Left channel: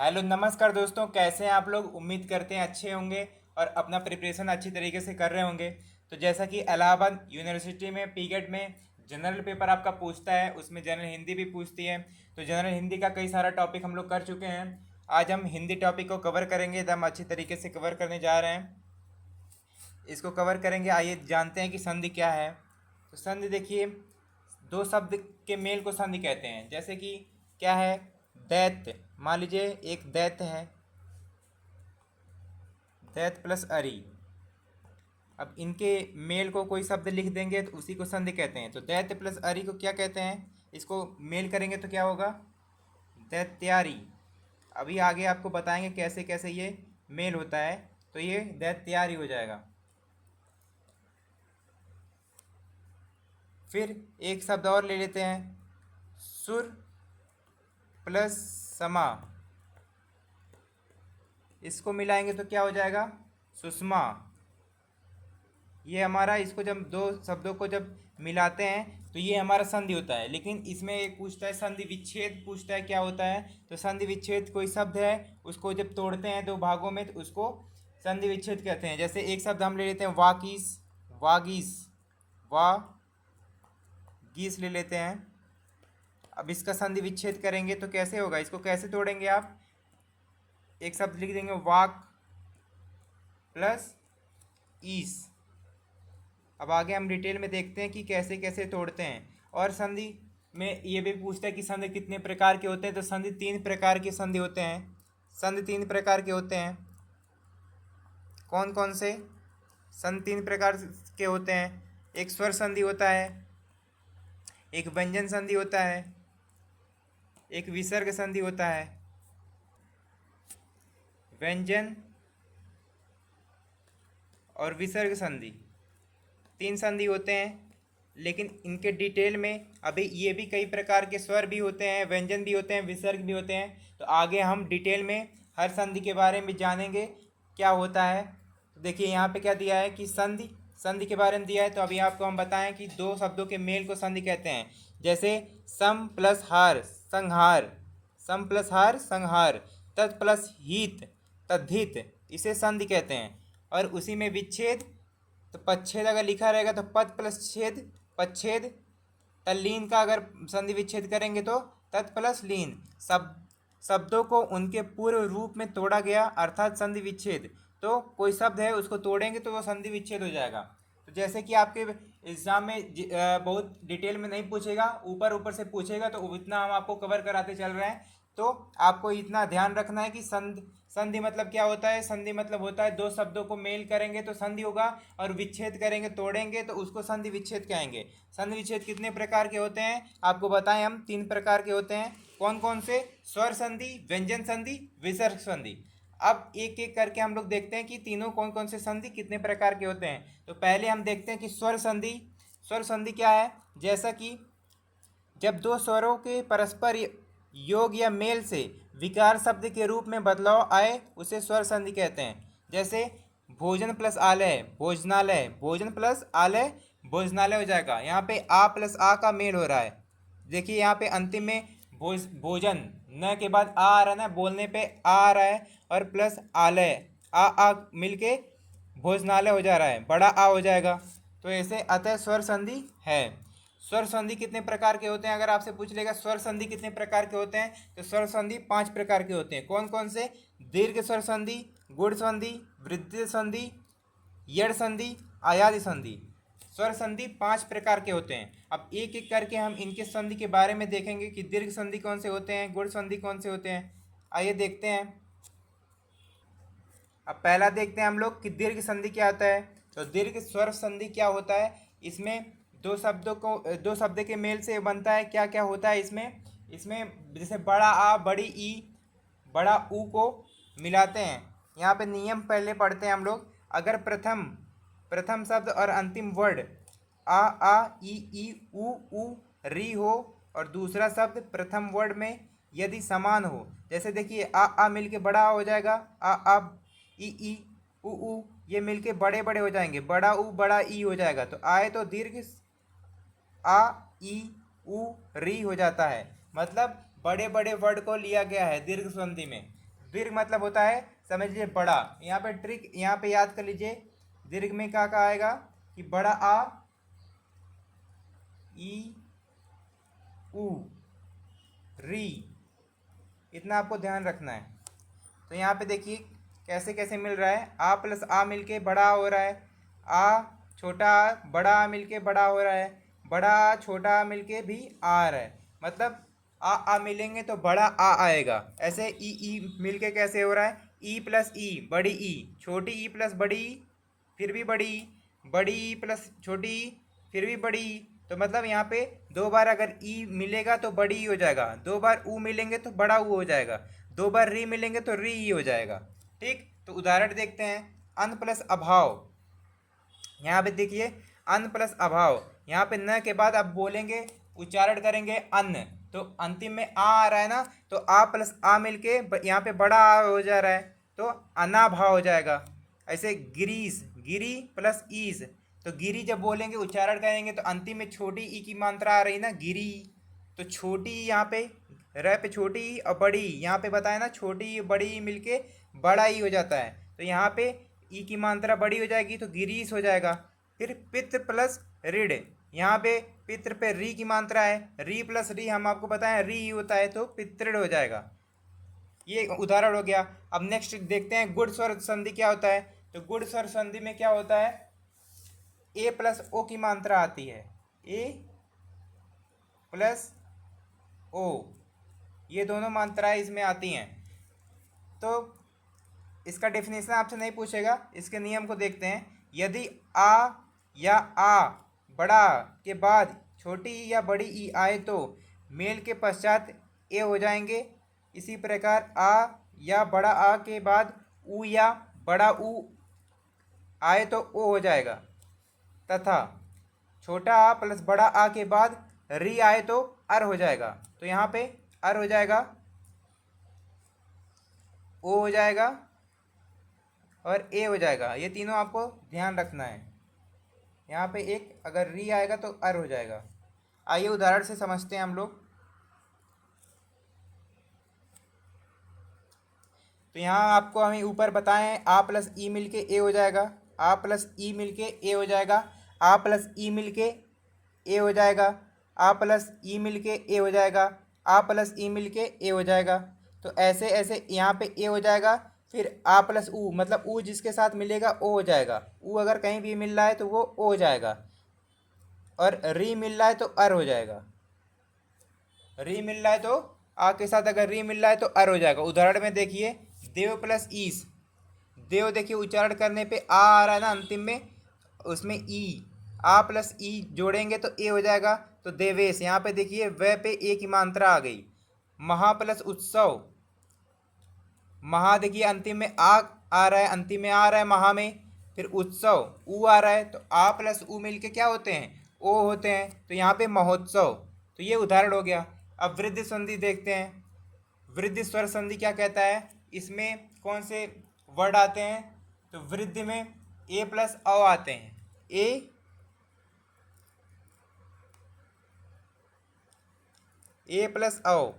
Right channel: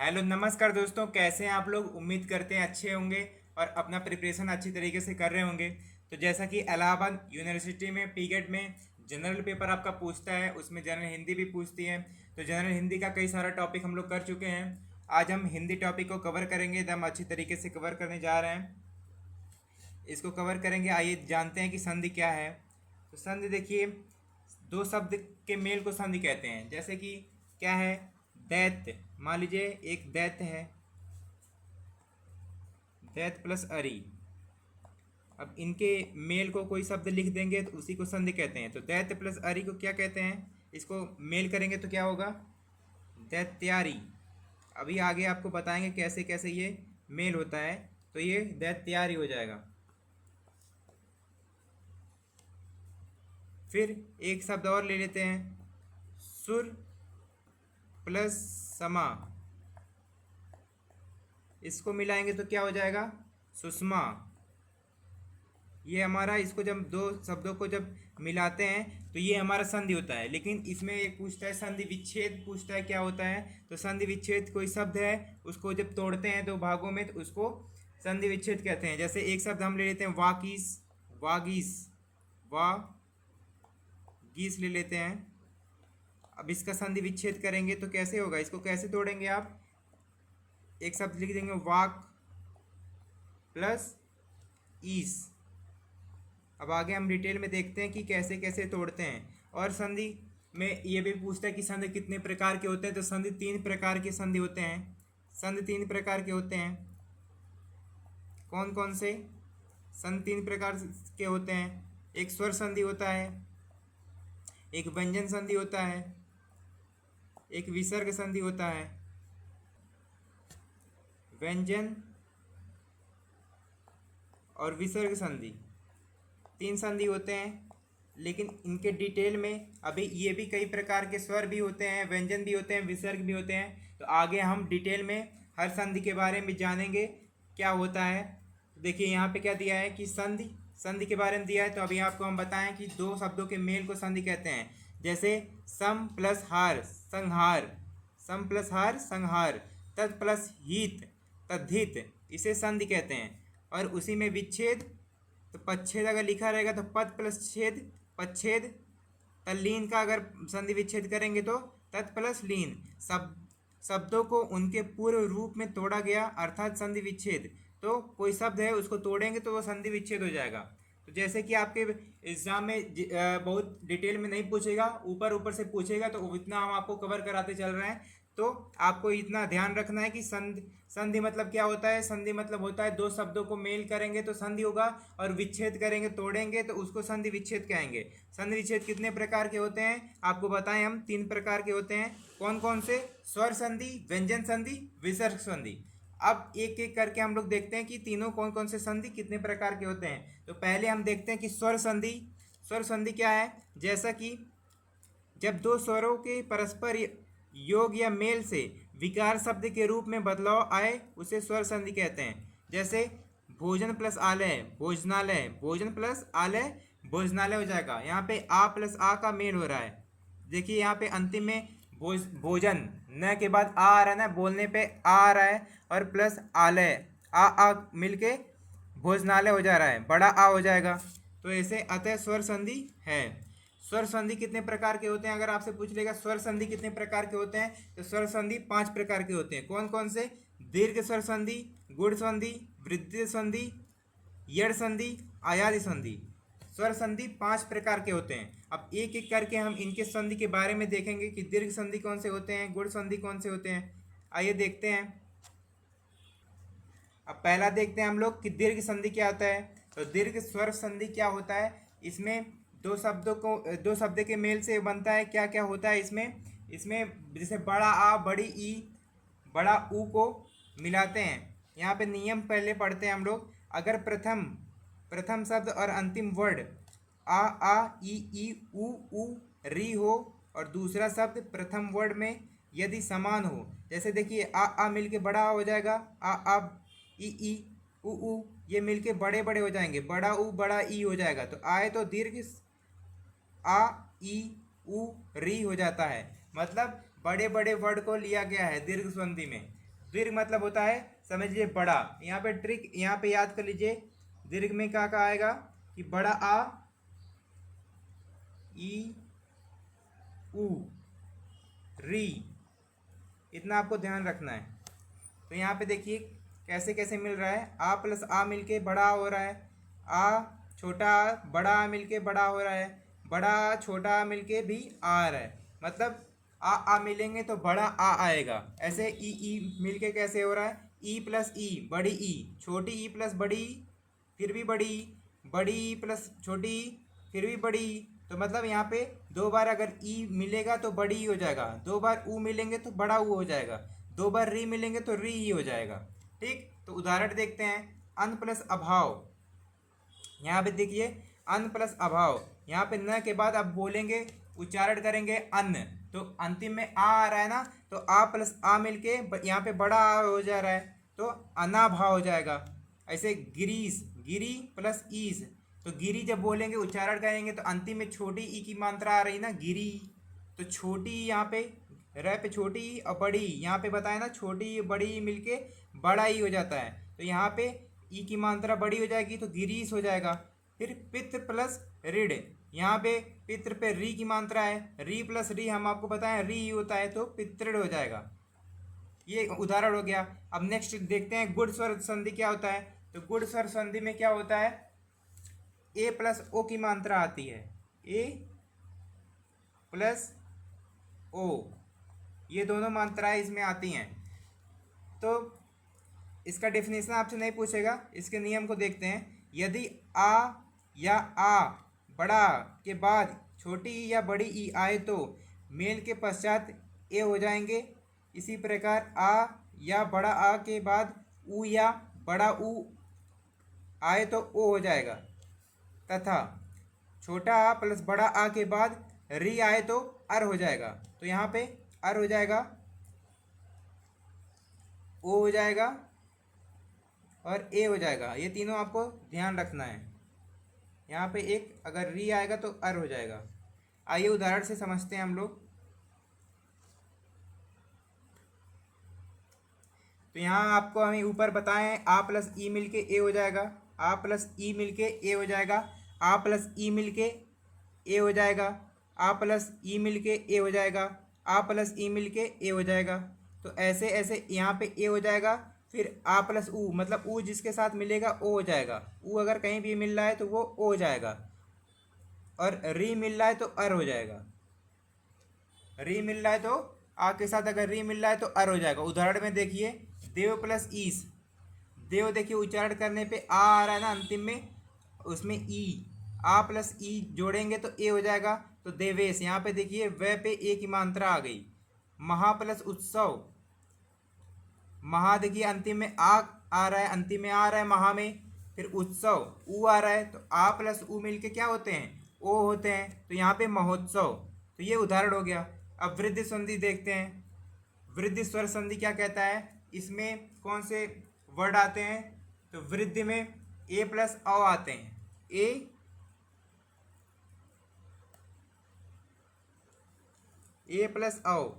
Hello नमस्कार दोस्तों, कैसे हैं आप लोग। उम्मीद करते हैं अच्छे होंगे और अपना प्रिपरेशन अच्छी तरीके से कर रहे होंगे। तो जैसा कि इलाहाबाद यूनिवर्सिटी में पीगेट में जनरल पेपर आपका पूछता है, उसमें जनरल हिंदी भी पूछती है। तो जनरल हिंदी का कई सारा टॉपिक हम लोग कर चुके हैं। आज हम हिंदी टॉपिक को कवर करेंगे, एकदम अच्छी तरीके से कवर करने जा रहे हैं। इसको कवर करेंगे। आइए जानते हैं कि संधि क्या है। तो संधि देखिए, दो शब्द के मेल को संधि कहते हैं। जैसे कि क्या है, दैत्य। मान लीजिए एक दैत्य है, दैत्य प्लस अरी। अब इनके मेल को कोई शब्द लिख देंगे तो उसी को संधि कहते हैं। तो दैत्य प्लस अरी को क्या कहते हैं, इसको मेल करेंगे तो क्या होगा, दैत्यारी। अभी आगे आपको बताएंगे कैसे कैसे ये मेल होता है। तो ये दैत्यारी हो जाएगा। फिर एक शब्द और ले लेते हैं, सुर प्लस समा। इसको मिलाएंगे तो क्या हो जाएगा, सुषमा। ये हमारा, इसको जब दो शब्दों को जब मिलाते हैं तो ये हमारा संधि होता है। लेकिन इसमें एक पूछता है, संधि विच्छेद पूछता है क्या होता है। तो संधि विच्छेद कोई शब्द है, उसको जब तोड़ते हैं दो भागों में तो उसको संधि विच्छेद कहते हैं। जैसे एक शब्द हम ले लेते हैं, वाकीस, वागीस, वागीस ले लेते हैं। अब इसका संधि विच्छेद करेंगे तो कैसे होगा, इसको कैसे तोड़ेंगे आप। एक शब्द लिख देंगे, वाक प्लस ईस। अब आगे हम डिटेल में देखते हैं कि कैसे कैसे तोड़ते हैं। और संधि में ये भी पूछता है कि संधि कितने प्रकार के होते हैं। तो संधि तीन प्रकार के संधि होते हैं। संधि तीन प्रकार के होते हैं। कौन कौन से संधि तीन प्रकार के होते हैं, एक स्वर संधि होता है, एक व्यंजन संधि होता है, एक विसर्ग संधि होता है। व्यंजन और विसर्ग संधि, तीन संधि होते हैं। लेकिन इनके डिटेल में अभी ये भी कई प्रकार के स्वर भी होते हैं, व्यंजन भी होते हैं, विसर्ग भी होते हैं। तो आगे हम डिटेल में हर संधि के बारे में जानेंगे क्या होता है। तो देखिए यहाँ पे क्या दिया है कि संधि, संधि के बारे में दिया है। तो अभी आपको हम बताएं कि दो शब्दों के मेल को संधि कहते हैं। जैसे सम प्लस हार संहार, सम प्लस हार संहार, तत् प्लस हित तद्धित, इसे संधि कहते हैं। और उसी में विच्छेद, तो पच्छेद अगर लिखा रहेगा तो पद प्लस छेद पच्छेद। तल्लीन का अगर संधि विच्छेद करेंगे तो तत् प्लस लीन। शब्दों को उनके पूर्व रूप में तोड़ा गया अर्थात संधि विच्छेद। तो कोई शब्द है उसको तोड़ेंगे तो वो संधि विच्छेद हो जाएगा। तो जैसे कि आपके एग्जाम में बहुत डिटेल में नहीं पूछेगा, ऊपर ऊपर से पूछेगा, तो इतना हम आपको कवर कराते चल रहे हैं। तो आपको इतना ध्यान रखना है कि संधि, संधि मतलब क्या होता है। संधि मतलब होता है दो शब्दों को मेल करेंगे तो संधि होगा, और विच्छेद करेंगे तोड़ेंगे तो उसको संधि विच्छेद कहेंगे। संधि विच्छेद कितने प्रकार के होते हैं आपको बताएं हम, तीन प्रकार के होते हैं। कौन कौन से, स्वर संधि, व्यंजन संधि, विसर्ग संधि। अब एक एक करके हम लोग देखते हैं कि तीनों कौन कौन से संधि कितने प्रकार के होते हैं। तो पहले हम देखते हैं कि स्वर संधि। स्वर संधि क्या है, जैसा कि जब दो स्वरों के परस्पर योग या मेल से विकार शब्द के रूप में बदलाव आए उसे स्वर संधि कहते हैं। जैसे भोजन प्लस आलय भोजनालय, भोजन प्लस आलय भोजनालय हो जाएगा। यहाँ पे आ प्लस आ का मेल हो रहा है। देखिए यहाँ पे अंतिम में भोजन, न के बाद आ रहा है ना, बोलने पे आ रहा है, और प्लस आलय, आ मिलके भोजनालय हो जा रहा है, बड़ा आ हो जाएगा। तो ऐसे अतः स्वर संधि है। स्वर संधि कितने प्रकार के होते हैं, अगर आपसे पूछ लेगा स्वर संधि कितने प्रकार के होते हैं, तो स्वर संधि पांच प्रकार के होते हैं। कौन कौन से, दीर्घ स्वर संधि, गुण संधि, वृद्धि संधि, यड़ संधि, आयादि संधि। स्वर संधि पांच प्रकार के होते हैं। अब एक एक करके हम इनके संधि के बारे में देखेंगे कि दीर्घ संधि कौन से होते हैं, गुण संधि कौन से होते हैं। आइए देखते हैं। अब पहला देखते हैं हम लोग कि दीर्घ संधि क्या होता है। तो दीर्घ स्वर संधि क्या होता है, इसमें दो शब्दों को, दो शब्द के मेल से बनता है। क्या क्या होता है इसमें, इसमें जैसे बड़ा आ बड़ी ई बड़ा ऊ को मिलाते हैं। यहाँ पे नियम पहले पढ़ते हैं हम लोग। अगर प्रथम प्रथम शब्द और अंतिम वर्ड आ ई ऊ री हो, और दूसरा शब्द प्रथम वर्ड में यदि समान हो, जैसे देखिए आ मिलके बड़ा हो जाएगा, आ ई ऊ ये मिलके बड़े बड़े हो जाएंगे, बड़ा ऊ बड़ा ई हो जाएगा। तो आए तो दीर्घ आ ई ऊ री हो जाता है। मतलब बड़े बड़े वर्ड को लिया गया है दीर्घ संधि में। दीर्घ मतलब होता है, समझ लीजिए बड़ा। यहाँ पे ट्रिक यहाँ पे याद कर लीजिए, दीर्घ में क्या कहा आएगा कि बड़ा आ, ई, ऊ, री, इतना आपको ध्यान रखना है। तो यहाँ पे देखिए कैसे कैसे मिल रहा है, आ प्लस आ मिलके बड़ा आ हो रहा है, आ छोटा आ बड़ा आ मिलके बड़ा हो रहा है, बड़ा आ छोटा आ मिलके भी आ रहा है। मतलब आ मिलेंगे तो बड़ा आ आएगा। ऐसे ई मिलके कैसे हो रहा है, ई प्लस ई बड़ी ई, छोटी ई प्लस बड़ी ई, फिर भी बड़ी ई, बड़ी ई प्लस छोटी ई, फिर भी बड़ी ई। तो मतलब यहाँ पे दो बार अगर ई मिलेगा तो बड़ी ई हो जाएगा, दो बार ऊ मिलेंगे तो बड़ा ऊ हो जाएगा, दो बार री मिलेंगे तो री ई हो जाएगा। ठीक, तो उदाहरण देखते हैं। अन प्लस अभाव, यहाँ पे देखिए अन प्लस अभाव, यहाँ पे न के बाद आप बोलेंगे, उच्चारण करेंगे अन्न, तो अंतिम में आ रहा है ना, तो आ प्लस आ मिलके यहाँ पे बड़ा आ हो जा रहा है, तो अनाभाव हो जाएगा। ऐसे गिरीस, गिरी प्लस ईस, तो गिरी जब बोलेंगे उच्चारण करेंगे तो अंतिम में छोटी ई की मात्रा आ रही ना, गिरी। तो छोटी ई यहाँ पे रह पे छोटी ई और बड़ी ई, यहाँ पे बताया ना छोटी ई बड़ी ई मिलके बड़ा ई हो जाता है, तो यहाँ पे ई की मात्रा बड़ी हो जाएगी तो गिरीस हो जाएगा। फिर पित्र प्लस ऋण, यहाँ पे पित्र पे री की मात्रा है, री प्लस री हम आपको बताएं री होता है, तो पितृण हो जाएगा। ये उदाहरण हो गया। अब नेक्स्ट देखते हैं गुण स्वर संधि क्या होता है। तो गुण स्वर संधि में क्या होता है, ए प्लस ओ की मात्रा आती है, ए प्लस ओ, ये दोनों मात्राएं इसमें आती हैं। तो इसका डेफिनेशन आपसे नहीं पूछेगा, इसके नियम को देखते हैं। यदि आ या आ बड़ा के बाद छोटी ई या बड़ी ई आए तो मेल के पश्चात ए हो जाएंगे। इसी प्रकार आ या बड़ा आ के बाद ऊ या बड़ा ऊ आए तो ओ हो जाएगा, तथा छोटा आ प्लस बड़ा आ के बाद री आए तो अर हो जाएगा। तो यहाँ पे अर हो जाएगा, ओ हो जाएगा और ए हो जाएगा। ये तीनों आपको ध्यान रखना है। यहाँ पे एक अगर री आएगा तो अर हो जाएगा। आइए उदाहरण से समझते हैं हम लोग। तो यहाँ आपको हमें ऊपर बताएं आ प्लस ई मिल के ए हो जाएगा, आ प्लस ई मिल के ए हो जाएगा, आ प्लस ई मिल के ए हो जाएगा, आ प्लस ई मिल के ए हो जाएगा, आ प्लस ई मिल के ए हो जाएगा। तो ऐसे ऐसे यहाँ पे ए हो जाएगा, फिर आ प्लस ऊ, मतलब ऊ जिसके साथ मिलेगा ओ हो जाएगा, ऊ अगर कहीं भी मिल रहा है तो वो ओ हो जाएगा, और री मिल रहा है तो अर हो जाएगा, री मिल रहा है तो आ के साथ अगर री मिल रहा है तो अर हो जाएगा। उदाहरण में देखिए देव प्लस ईस, देव देखिए उच्चारण करने पे आ रहा है ना अंतिम में, उसमें ई, आ प्लस ई जोड़ेंगे तो ए हो जाएगा, तो देवेश। यहाँ पे देखिए व पे ए की मात्रा आ गई। महा प्लस उत्सव, महा देखिए अंतिम में आ रहा है, अंतिम में आ रहा है महा में, फिर उत्सव ऊ आ रहा है, तो आ प्लस ऊ मिल के क्या होते हैं, ओ होते हैं, तो यहाँ पे महोत्सव। तो ये उदाहरण हो गया। अब वृद्धि संधि देखते हैं। वृद्धि स्वर संधि क्या कहता है, इसमें कौन से वर्ड आते हैं, तो वृद्धि में ए प्लस औ आते हैं, ए प्लस औ।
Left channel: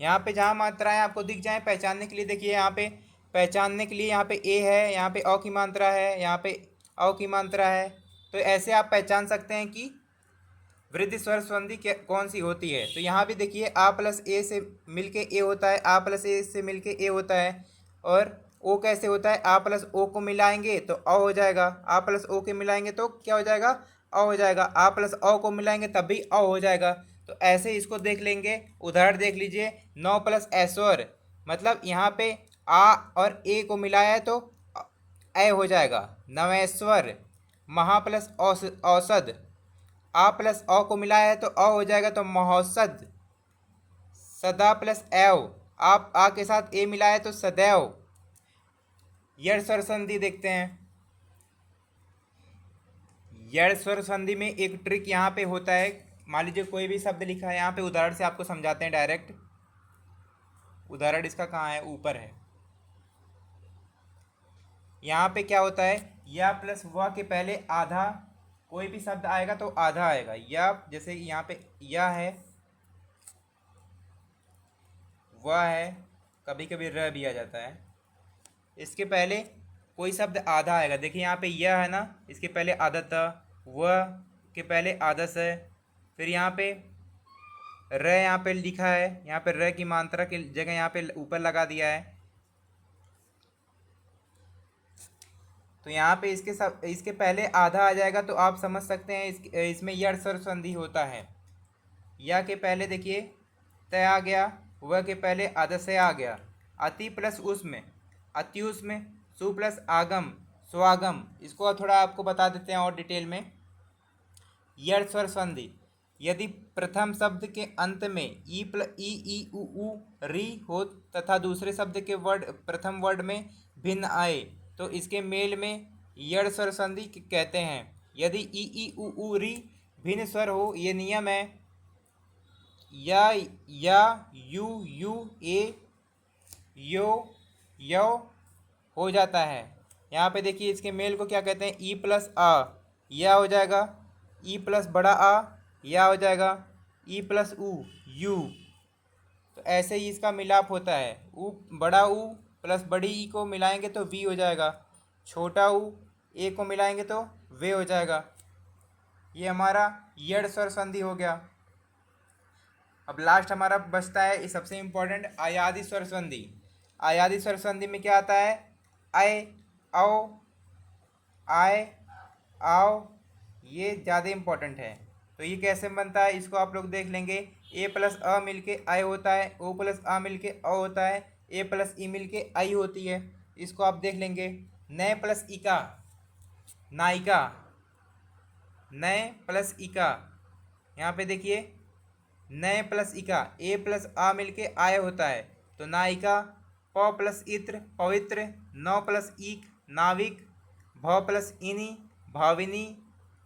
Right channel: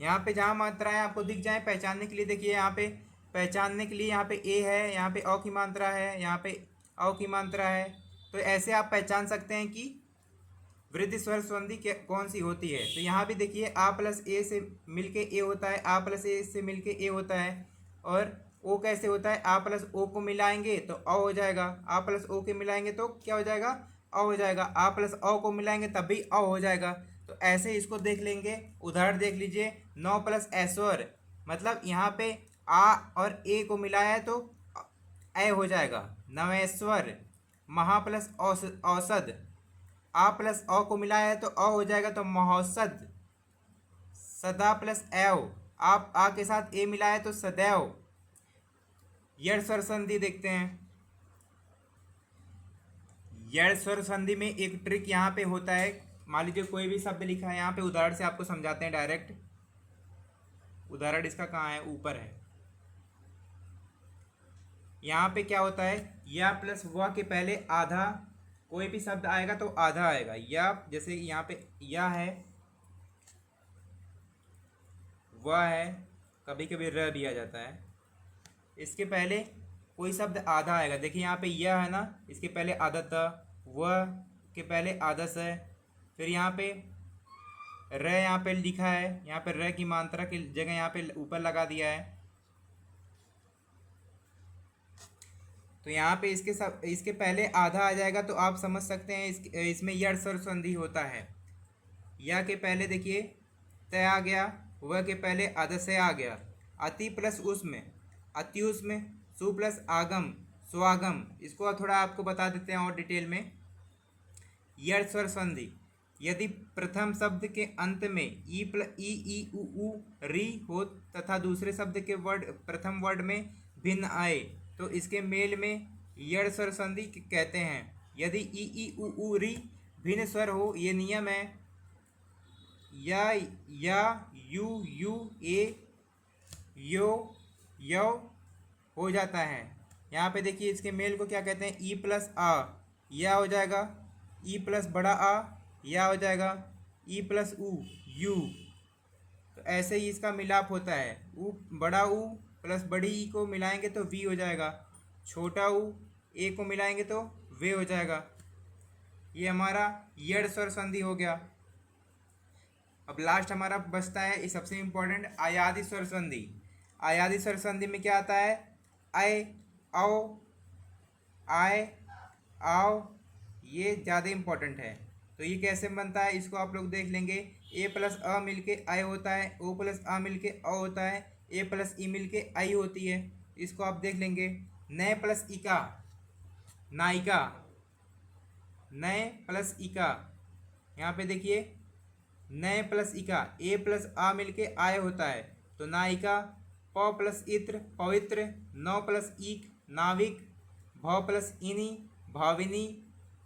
यहाँ पे जहाँ मात्राएं आपको दिख जाए पहचानने के लिए, देखिए यहाँ पे पहचानने के लिए यहाँ पे ए है, यहाँ पे औ की मात्रा है, यहाँ पे औ की मात्रा है। तो ऐसे आप पहचान सकते हैं कि वृद्धि स्वर संधि कौन सी होती है। तो यहाँ भी देखिए आ प्लस ए से मिलके ए होता है, आ प्लस ए से मिलके ए होता है, और ओ कैसे होता है, आ प्लस ओ को मिलाएंगे तो अ हो जाएगा, आ प्लस ओ के मिलाएंगे तो क्या हो जाएगा, अ हो जाएगा, आ प्लस अ को मिलाएंगे तब भी अ हो जाएगा। तो ऐसे इसको देख लेंगे। उदाहरण देख लीजिए, 9 प्लस ऐश्वर, मतलब यहाँ पे आ और ए को मिलाया है तो ए हो जाएगा, नवेश्वर। महा प्लस औसद, आ प्लस अ को मिलाया है तो अ हो जाएगा, तो महोत्सद। सदा प्लस एव, आप आ के साथ ए मिलाया है तो सदैव। यड़ स्वर संधि देखते हैं। यड़ स्वर संधि में एक ट्रिक यहाँ पे होता है। मान लीजिए कोई भी शब्द लिखा है, यहाँ पे उदाहरण से आपको समझाते हैं डायरेक्ट। उदाहरण इसका कहाँ है, ऊपर है। यहाँ पे क्या होता है, या प्लस व के पहले आधा, कोई भी शब्द आएगा तो आधा आएगा। या जैसे यहाँ पे या है, वह है, कभी कभी र भी आ जाता है। इसके पहले कोई शब्द आधा आएगा, देखिए यहाँ पे यह है ना, इसके पहले आधा था, वह के पहले आधा स है, फिर यहाँ पे र यहाँ पे लिखा है, यहाँ पे र की मात्रा की जगह यहाँ पे ऊपर लगा दिया है। तो यहाँ पे इसके पहले आधा आ जाएगा तो आप समझ सकते हैं इसमें यड़ स्वर संधि होता है। या के पहले देखिए तय आ गया, वह के पहले आधा से आ गया, अति प्लस उसमें अति उसमें, सु प्लस आगम स्वागम। इसको थोड़ा आपको बता देते हैं और डिटेल में। यड़ स्वर संधि, यदि प्रथम शब्द के अंत में ई उ री हो तथा दूसरे शब्द के प्रथम वर्ड में भिन्न आए तो इसके मेल में यड़ स्वर संधि कहते हैं। यदि ई उ री भिन्न स्वर हो, ये नियम है, या यू ए यो यो हो जाता है। यहाँ पे देखिए इसके मेल को क्या कहते हैं, ई प्लस आ या हो जाएगा, ई प्लस बड़ा आ या हो जाएगा, ई प्लस उ यू। तो ऐसे ही इसका मिलाप होता है। उ बड़ा उ प्लस बड़ी ई को मिलाएंगे तो वी हो जाएगा, छोटा उ ए को मिलाएंगे तो वे हो जाएगा। ये हमारा यड़ स्वर संधि हो गया। अब लास्ट हमारा बचता है सबसे इम्पोर्टेंट अयादि स्वर संधि। अयादि स्वर संधि में क्या आता है, आय आओ आय आओ, ये ज़्यादा इम्पोर्टेंट है। तो ये कैसे बनता है इसको आप लोग देख लेंगे। ए प्लस अ मिलके आय होता है, ओ प्लस आ मिलके अ होता है, ए प्लस ई मिलके आई होती है। इसको आप देख लेंगे। नए प्लस इका नायिका, नए प्लस इका, यहाँ पे देखिए नए प्लस इका, ए प्लस आ मिलके आय होता है तो नायिका। प प्लस इत्र पवित्र, नौ प्लस ईक नाविक, भ प्लस इनी भाविनी,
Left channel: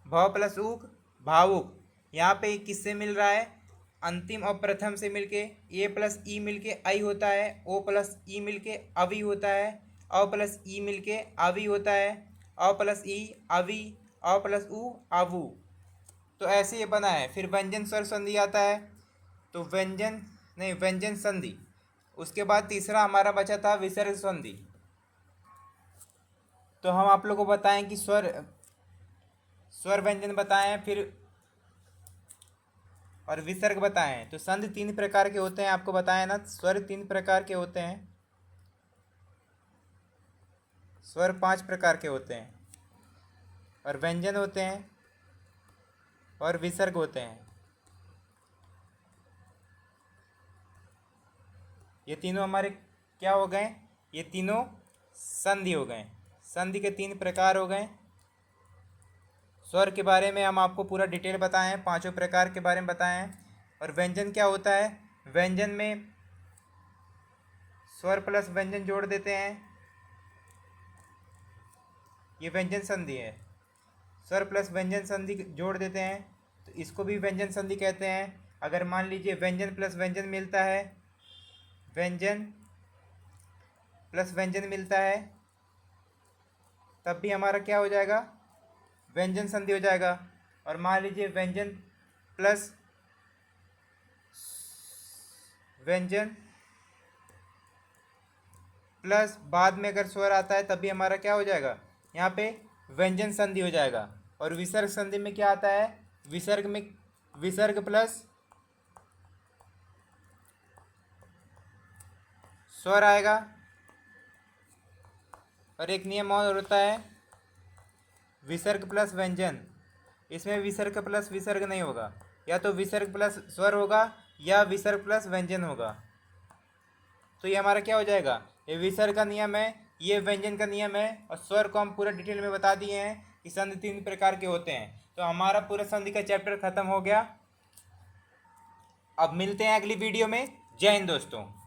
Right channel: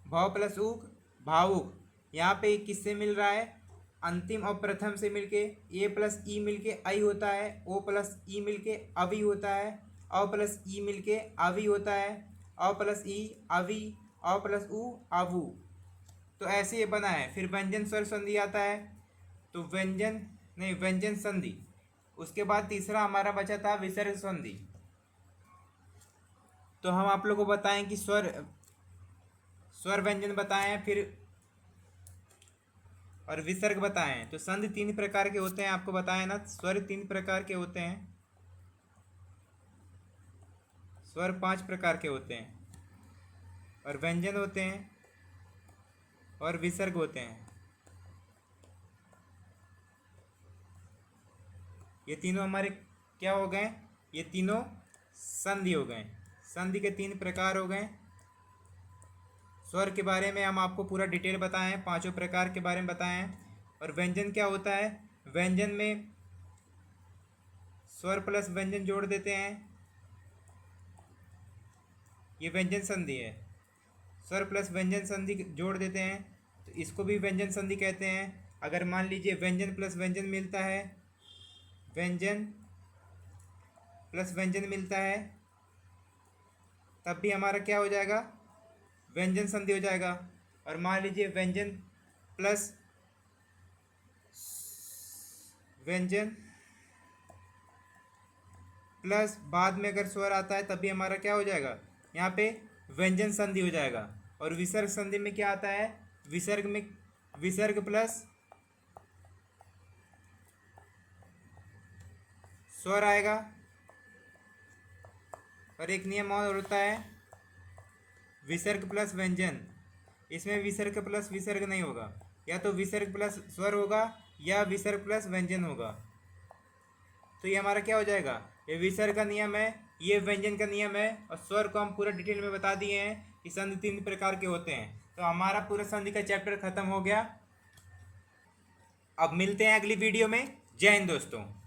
भ प्लस उक भावुक। यहाँ पे किससे मिल रहा है, अंतिम और प्रथम से मिलके ए प्लस ई मिलके आई होता है, ओ प्लस ई मिलके अवि होता है, अ प्लस ई मिलके अवि होता है, अ प्लस ई अवि, अ प्लस उ आवु। तो ऐसे ये बना है। फिर व्यंजन स्वर संधि आता है, तो व्यंजन संधि। उसके बाद तीसरा हमारा बचा था विसर्ग संधि। तो हम आप लोगों को बताएं कि स्वर व्यंजन बताएं हैं, फिर और विसर्ग बताएं। तो संधि 3 प्रकार के होते हैं, आपको बताया ना। स्वर 3 प्रकार के होते हैं, स्वर 5 प्रकार के होते हैं, और व्यंजन होते हैं और विसर्ग होते हैं। ये तीनों हमारे क्या हो गए, ये तीनों संधि हो गए। संधि के 3 प्रकार हो गए। स्वर के बारे में हम आपको पूरा डिटेल बताएं हैं, 5 प्रकार के बारे में बताएं हैं। और व्यंजन क्या होता है, व्यंजन में स्वर प्लस व्यंजन जोड़ देते हैं, ये व्यंजन संधि है। स्वर प्लस व्यंजन संधि जोड़ देते हैं तो इसको भी व्यंजन संधि कहते हैं। अगर मान लीजिए व्यंजन प्लस व्यंजन मिलता है, व्यंजन प्लस व्यंजन मिलता है, तब भी हमारा क्या हो जाएगा, व्यंजन संधि हो जाएगा। और मान लीजिए व्यंजन प्लस व्यंजन प्लस बाद में अगर स्वर आता है तब भी हमारा क्या हो जाएगा, यहाँ पे व्यंजन संधि हो जाएगा। और विसर्ग संधि में क्या आता है, विसर्ग प्लस स्वर आएगा। और एक नियम और होता है विसर्ग प्लस व्यंजन। इसमें विसर्ग प्लस विसर्ग नहीं होगा, या तो विसर्ग प्लस स्वर होगा या विसर्ग प्लस व्यंजन होगा। तो ये हमारा क्या हो जाएगा, ये विसर्ग का नियम है, ये व्यंजन का नियम है। और स्वर को हम पूरा डिटेल में बता दिए हैं कि संधि 3 प्रकार के होते हैं। तो हमारा पूरा संधि का चैप्टर खत्म हो गया। अब मिलते हैं अगली वीडियो में। जय हिंद दोस्तों।